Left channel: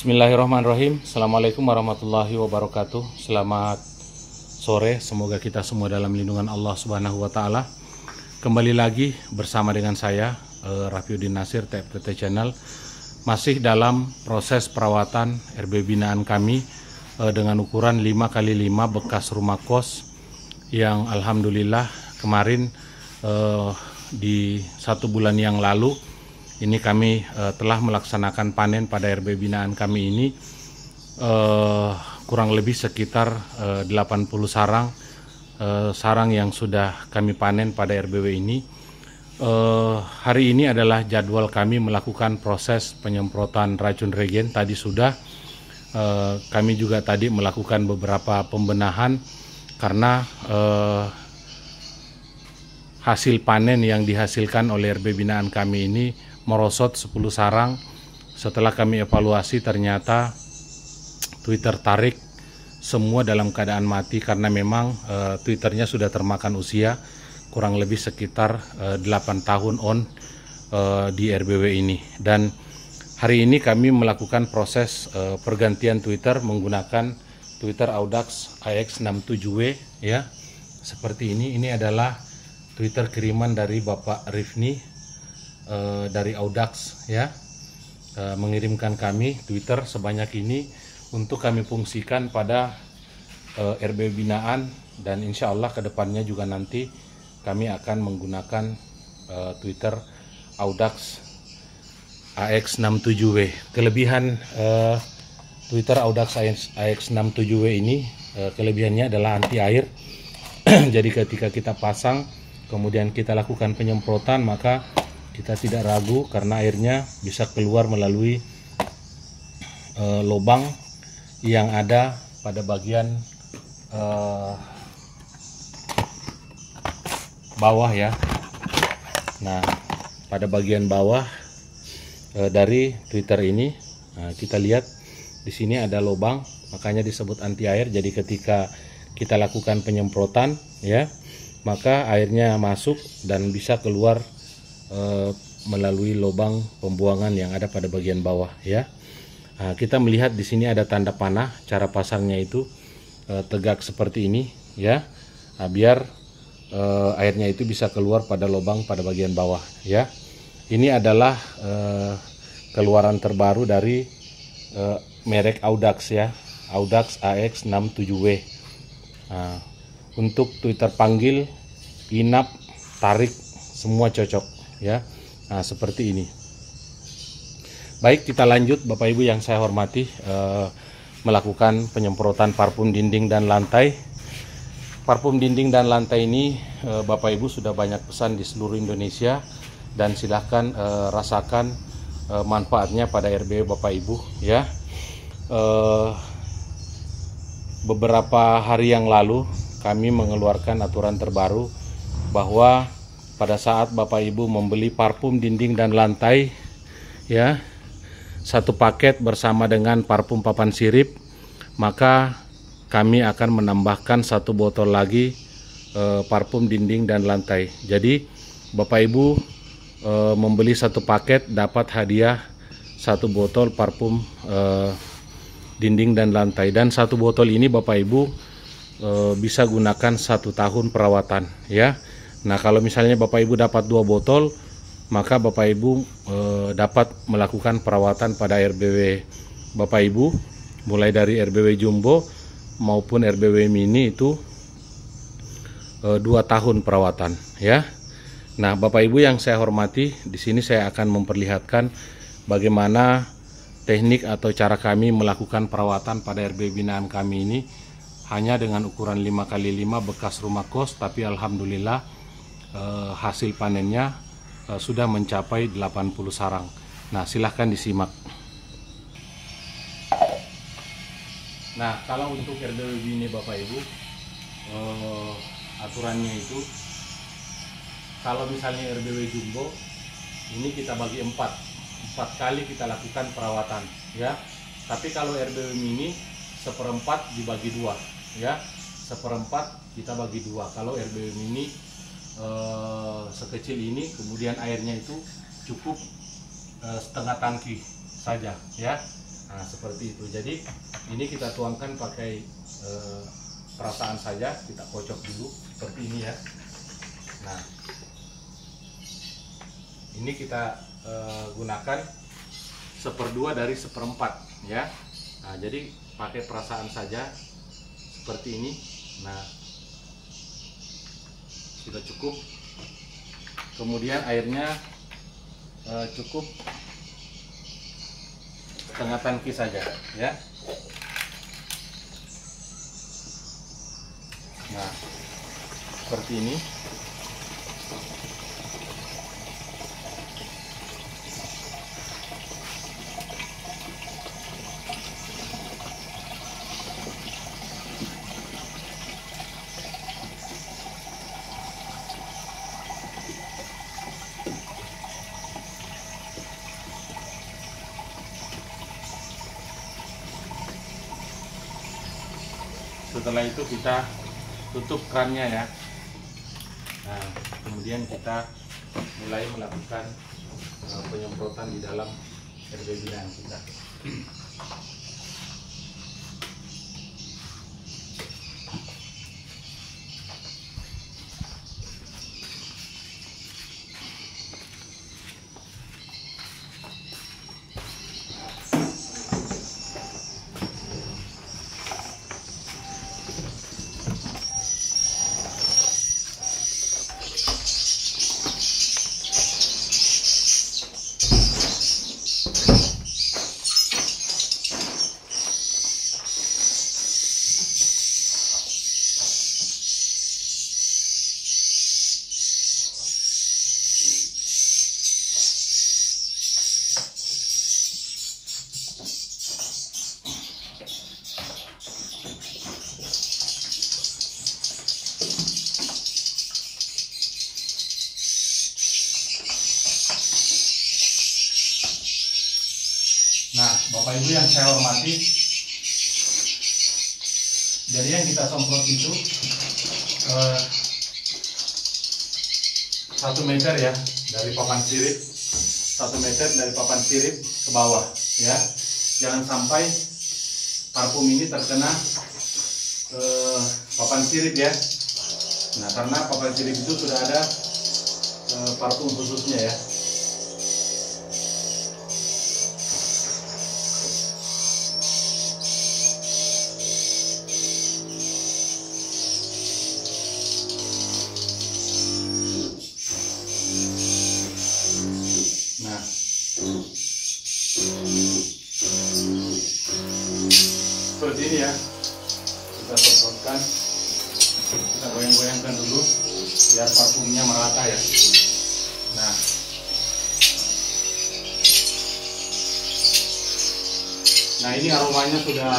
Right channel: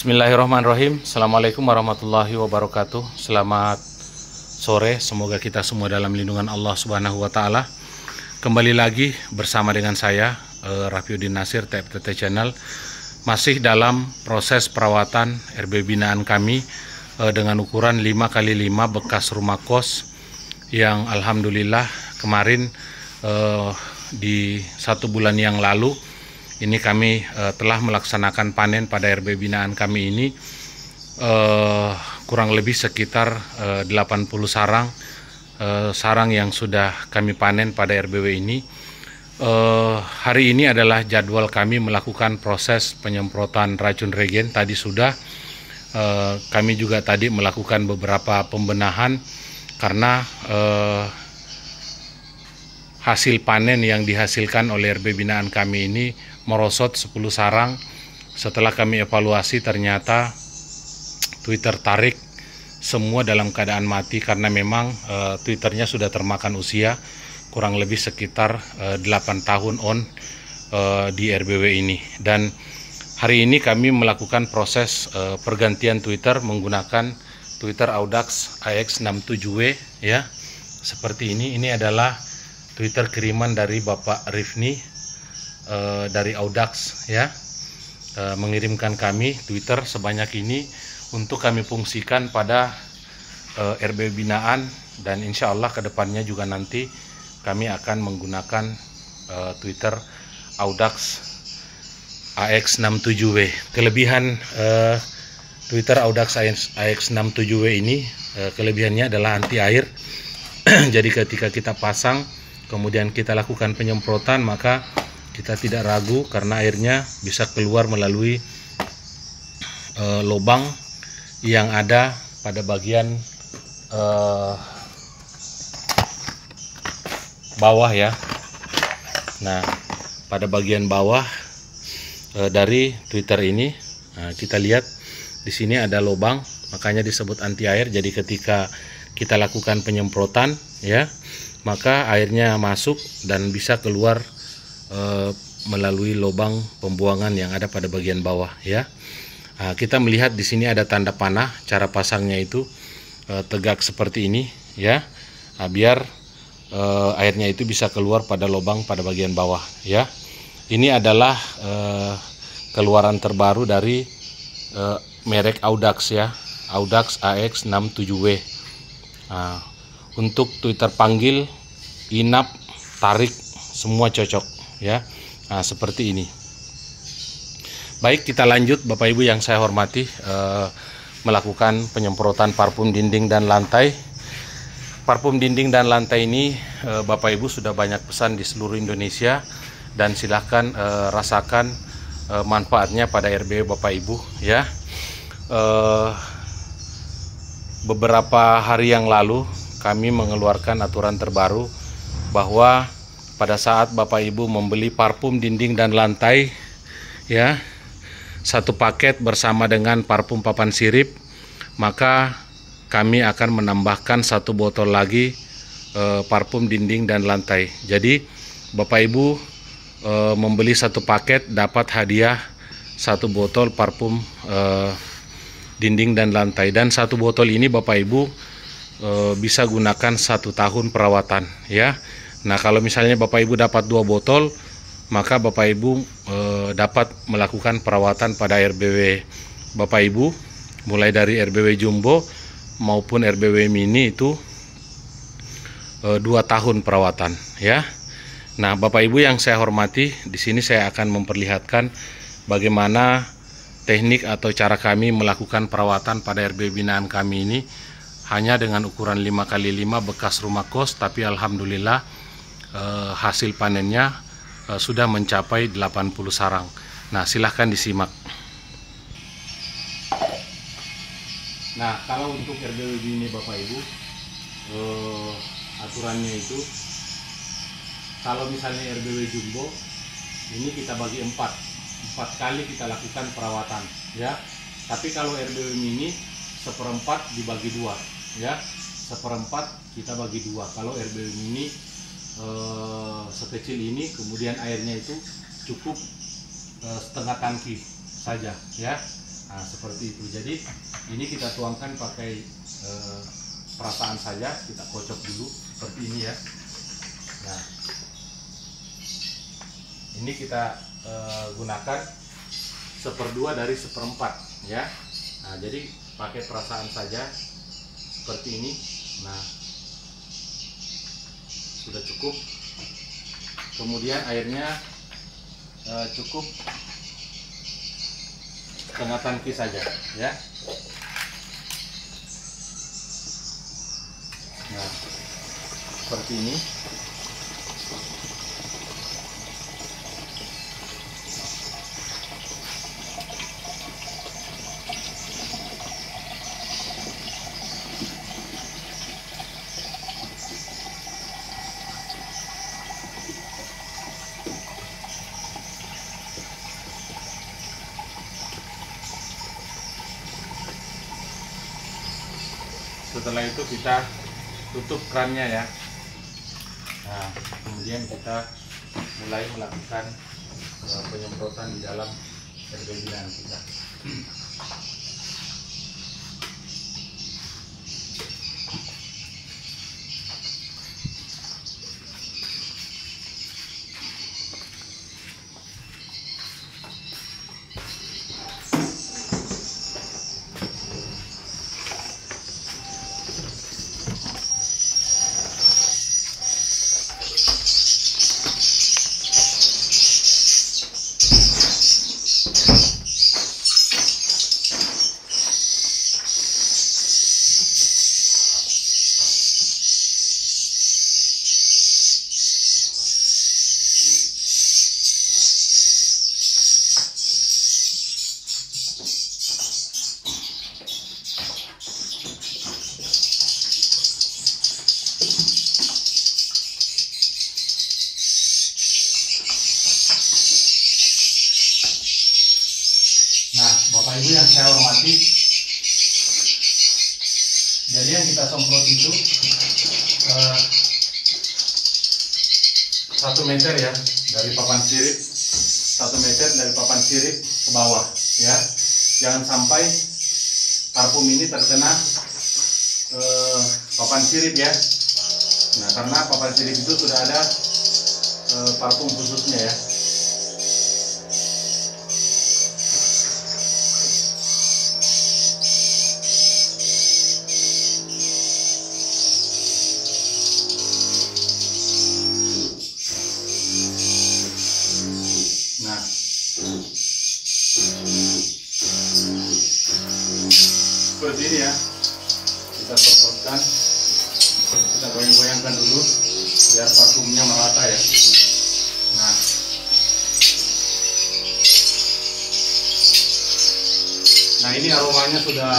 Bismillahirrahmanirrahim. Assalamualaikum warahmatullahi wabarakatuh. Selamat sore, semoga kita semua dalam lindungan Allah Subhanahu wa Ta'ala. Kembali lagi bersama dengan saya Rafiuddin Nasir, TFTT Channel. Masih dalam proses perawatan RB binaan kami dengan ukuran 5x5 bekas rumah kos, yang alhamdulillah kemarin di 1 bulan yang lalu ini kami telah melaksanakan panen pada RB binaan kami ini, kurang lebih sekitar 80 sarang yang sudah kami panen pada RBW ini. Hari ini adalah jadwal kami melakukan proses penyemprotan racun regen. Tadi sudah kami juga tadi melakukan beberapa pembenahan karena hasil panen yang dihasilkan oleh RB binaan kami ini merosot 10 sarang. Setelah kami evaluasi ternyata Twitter tarik semua dalam keadaan mati karena memang Twitternya sudah termakan usia, kurang lebih sekitar 8 tahun di RBW ini. Dan hari ini kami melakukan proses pergantian Twitter menggunakan Twitter Audax AX67W ya. Seperti ini. Ini adalah Twitter kiriman dari Bapak Rifni dari Audax ya, mengirimkan kami Twitter sebanyak ini untuk kami fungsikan pada RB binaan, dan insya Allah kedepannya juga nanti kami akan menggunakan Twitter Audax AX67W. Kelebihan Twitter Audax AX67W ini, kelebihannya adalah anti air. Jadi ketika kita pasang kemudian kita lakukan penyemprotan, maka kita tidak ragu karena airnya bisa keluar melalui lubang yang ada pada bagian bawah ya. Nah, pada bagian bawah dari Twitter ini, kita lihat di sini ada lubang, makanya disebut anti air. Jadi ketika kita lakukan penyemprotan ya, maka airnya masuk dan bisa keluar melalui lubang pembuangan yang ada pada bagian bawah ya. Kita melihat di sini ada tanda panah. Cara pasangnya itu tegak seperti ini ya, biar airnya itu bisa keluar pada lubang pada bagian bawah ya. Ini adalah keluaran terbaru dari merek Audax ya, Audax AX67W. Untuk Twitter panggil, inap, tarik, semua cocok ya. Nah, seperti ini. Baik, kita lanjut Bapak Ibu yang saya hormati, melakukan penyemprotan parfum dinding dan lantai. Parfum dinding dan lantai ini Bapak Ibu sudah banyak pesan di seluruh Indonesia, dan silahkan rasakan manfaatnya pada RB Bapak Ibu ya. Beberapa hari yang lalu kami mengeluarkan aturan terbaru bahwa pada saat Bapak Ibu membeli parfum dinding dan lantai ya, 1 paket bersama dengan parfum papan sirip, maka kami akan menambahkan 1 botol lagi parfum dinding dan lantai. Jadi Bapak Ibu membeli 1 paket dapat hadiah 1 botol parfum dinding dan lantai, dan 1 botol ini Bapak Ibu bisa gunakan 1 tahun perawatan ya. Nah, kalau misalnya Bapak Ibu dapat 2 botol, maka Bapak Ibu dapat melakukan perawatan pada RBW Bapak Ibu, mulai dari RBW Jumbo maupun RBW Mini itu 2 tahun perawatan ya. Nah, Bapak Ibu yang saya hormati, di sini saya akan memperlihatkan bagaimana teknik atau cara kami melakukan perawatan pada RB binaan kami ini, hanya dengan ukuran 5x5 bekas rumah kos, tapi alhamdulillah hasil panennya sudah mencapai 80 sarang. Nah, silahkan disimak. Nah, kalau untuk RBW ini Bapak Ibu, aturannya itu kalau misalnya RBW Jumbo ini kita bagi 4 kali kita lakukan perawatan ya. Tapi kalau RBW Mini 1/4 dibagi 2 ya, 1/4 kita bagi 2. Kalau RBW Mini sekecil ini, kemudian airnya itu cukup setengah tangki saja ya. Nah, seperti itu. Jadi ini kita tuangkan pakai perasaan saja, kita kocok dulu seperti ini ya. Nah, ini kita gunakan 1/2 dari 1/4 ya. Nah, jadi pakai perasaan saja seperti ini. Nah, sudah cukup. Kemudian airnya cukup setengah tangki saja ya. Nah, seperti ini. Setelah itu kita tutup kerannya ya. Nah, kemudian kita mulai melakukan penyemprotan di dalam herba binaan kita. Nah, Bapak Ibu yang saya hormati, jadi yang kita semprot itu 1 meter ya dari papan sirip, 1 meter dari papan sirip ke bawah ya. Jangan sampai parfum ini terkena papan sirip ya. Nah, karena papan sirip itu sudah ada parfum khususnya ya. Nah, seperti ini ya, kita semprotkan, kita goyang-goyangkan dulu biar parfumnya merata ya. Nah, ini aromanya sudah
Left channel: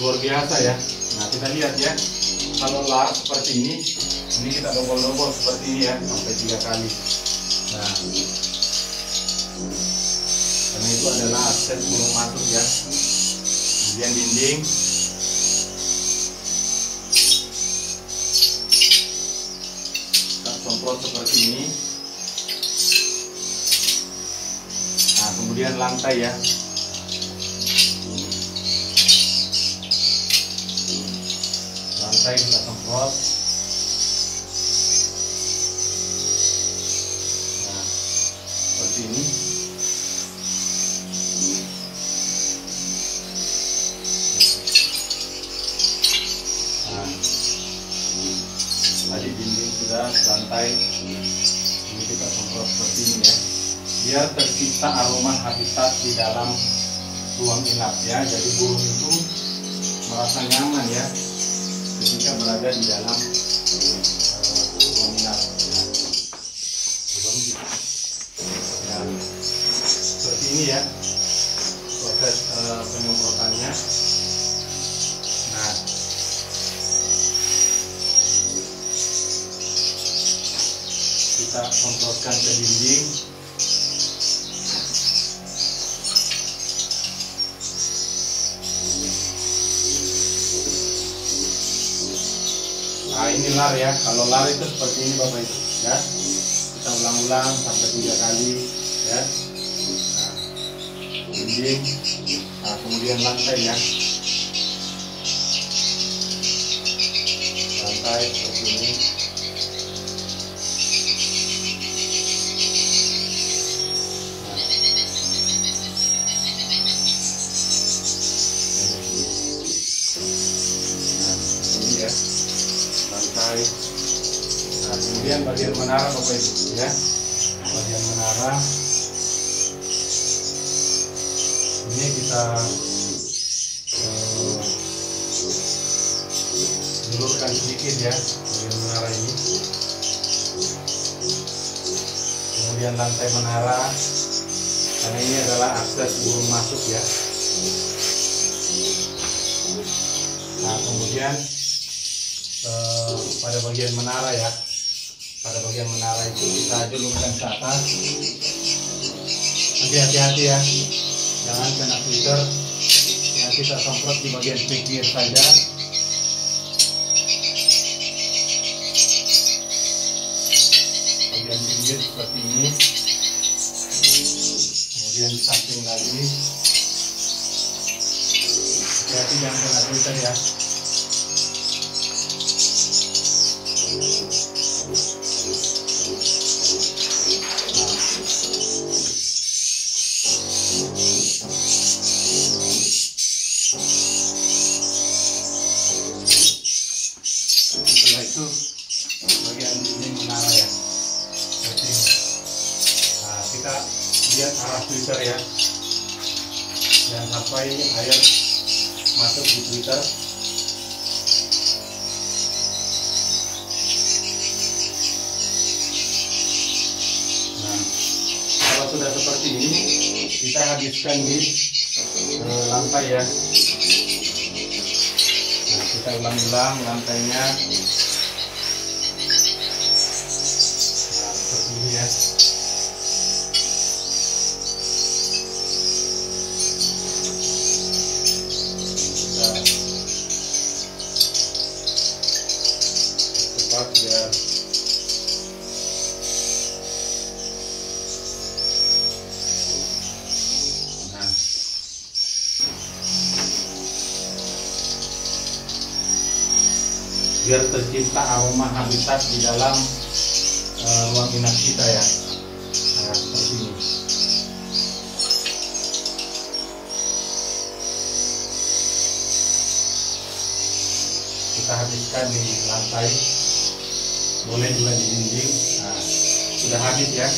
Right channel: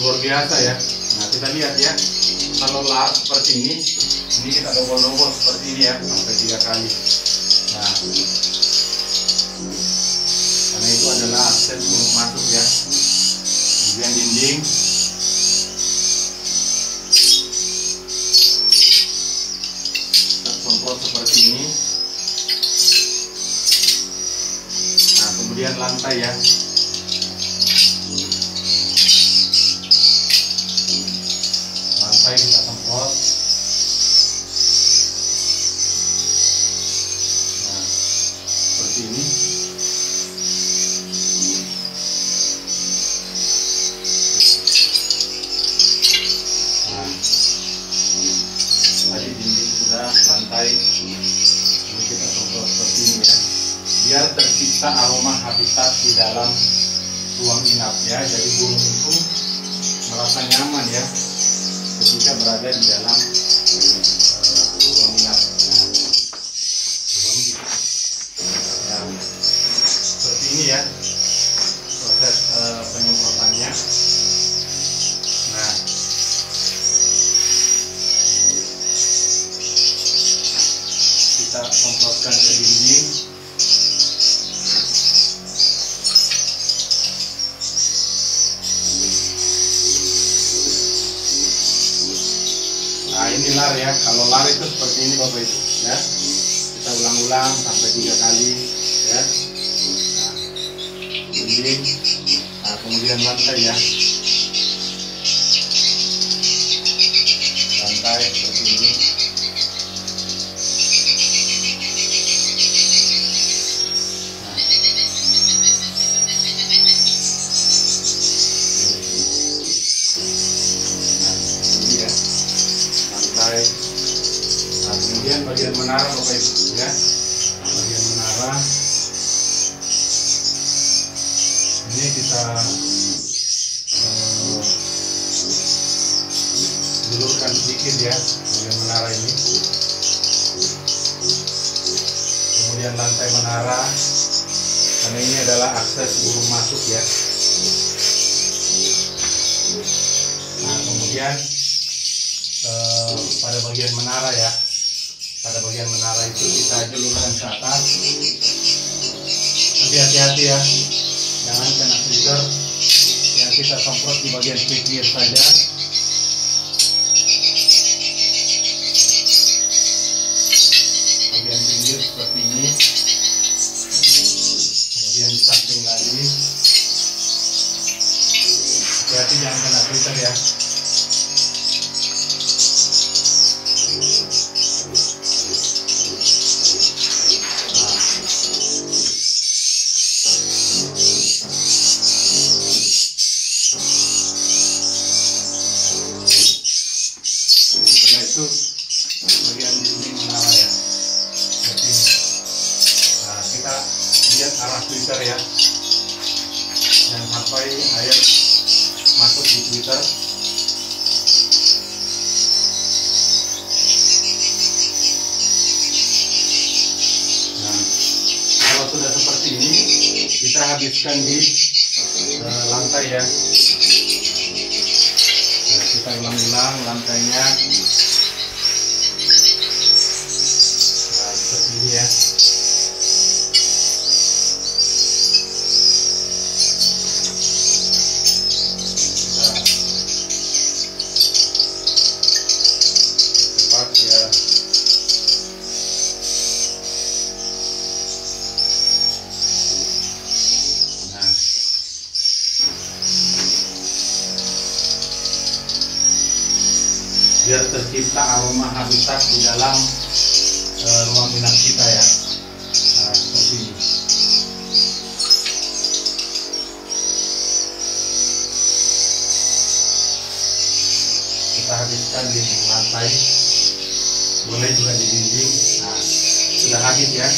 luar biasa ya. Nah, kita lihat ya, kalau lar seperti ini kita dobol-dobol seperti ini ya, sampai 3 kali. Nah, karena itu adalah akses untuk masuk ya. Kemudian dinding, kita semprot seperti ini. Nah, kemudian lantai ya. Lantai kita semprot. Nah, seperti ini. Tadi dinding sudah, lantai ini kita semprot seperti ini ya, biar tercipta aroma habitat di dalam ruang inap ya. Jadi burung itu merasa nyaman ya ketika berada di dalam ruang inap. Nah, seperti ini ya proses penyemprotannya. Nah, kita semprotkan ke dinding. Nah, ini lar ya. Kalau lar itu seperti ini Bapak Ibu ya. Kita ulang-ulang sampai 3 kali ya. Nah, dinding. Nah, kemudian lantai ya, lantai seperti ini. Lantai. Nah, kemudian bagian menara Bapak Ibu ya, bagian menara ini kita julurkan sedikit ya, bagian menara ini. Kemudian lantai menara, karena ini adalah akses burung masuk ya. Nah, kemudian pada bagian menara ya, pada bagian menara itu kita julurkan ke atas. Tapi hati-hati ya, jangan kena filter yang kita semprot di bagian pinggir saja. Bagian pinggir seperti ini, kemudian di samping lagi. Hati-hati jangan kena filter ya. Setelah itu bagian di sini menara ya, seperti ini. Nah, kita lihat arah filter ya, jangan sampai air masuk di filter. Nah, kalau sudah seperti ini, kita habiskan di lantai ya. Nah, kita ulang-ulang lantainya. Nah, seperti ini ya. Kita cepat ya. Nah, biar tercipta aroma habitat di dalam ruang inap kita ya. Nah, seperti ini. Kita habiskan di lantai, boleh juga di dinding. Nah, sudah habis ya.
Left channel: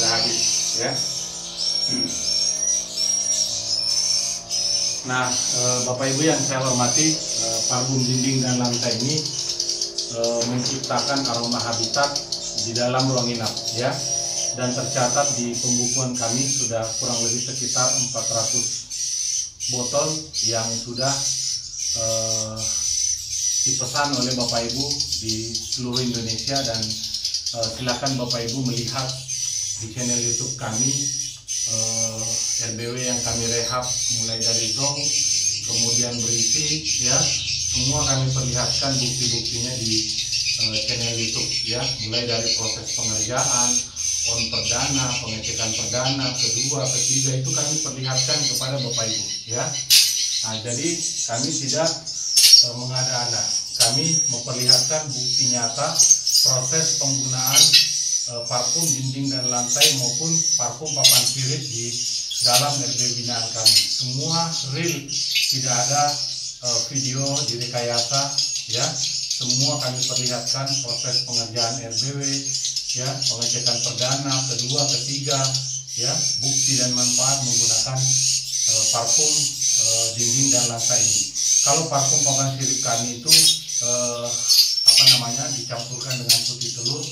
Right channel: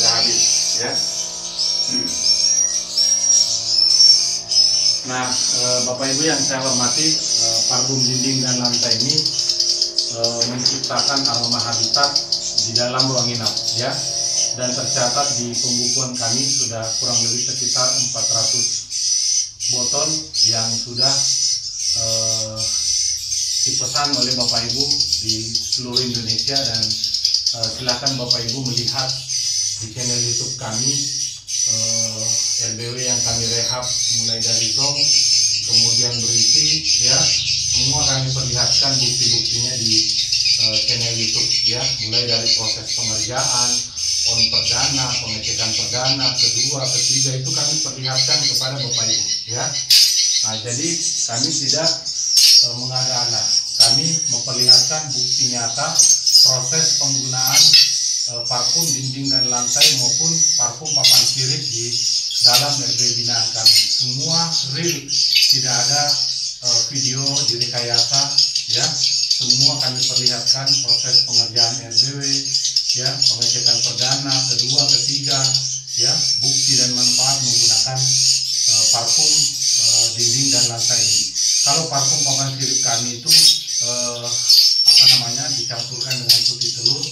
Habis ya. Nah, Bapak Ibu yang saya hormati, parfum dinding dan lantai ini menciptakan aroma habitat di dalam ruang inap ya, dan tercatat di pembukuan kami sudah kurang lebih sekitar 400 botol yang sudah dipesan oleh Bapak Ibu di seluruh Indonesia, dan silakan Bapak Ibu melihat di channel YouTube kami RBW yang kami rehab mulai dari zong, kemudian berisi ya, semua kami perlihatkan bukti-buktinya di channel YouTube ya, mulai dari proses pengerjaan, on perdana, pengecekan perdana, kedua, ketiga, itu kami perlihatkan kepada Bapak Ibu ya. Nah, jadi kami tidak mengada-ada, kami memperlihatkan bukti nyata proses penggunaan parfum dinding dan lantai maupun parfum papan sirip di dalam RBW binaan kami. Semua real, tidak ada video direkayasa ya. Semua kami perlihatkan proses pengerjaan RBW ya, pengecekan perdana, kedua, ketiga ya, bukti dan manfaat menggunakan parfum dinding dan lantai ini. Kalau parfum papan sirip kami itu dicampurkan dengan putih telur,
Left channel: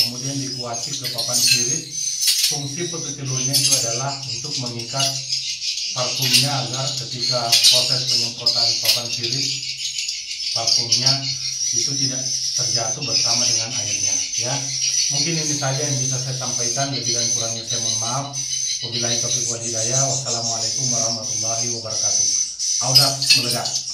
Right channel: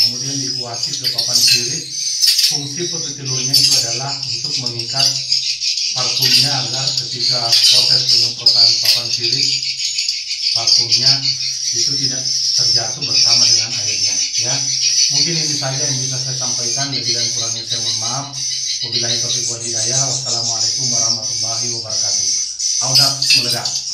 kemudian dikuasih ke papan sirip. Fungsi putih telurnya itu adalah untuk mengikat parfumnya agar ketika proses penyemprotan papan sirip, parfumnya itu tidak terjatuh bersama dengan airnya ya. Mungkin ini saja yang bisa saya sampaikan, lebih dan kurangnya saya mohon maaf. Wabillahi taufiq wal hidayah. Wassalamualaikum warahmatullahi wabarakatuh. Auda meledak.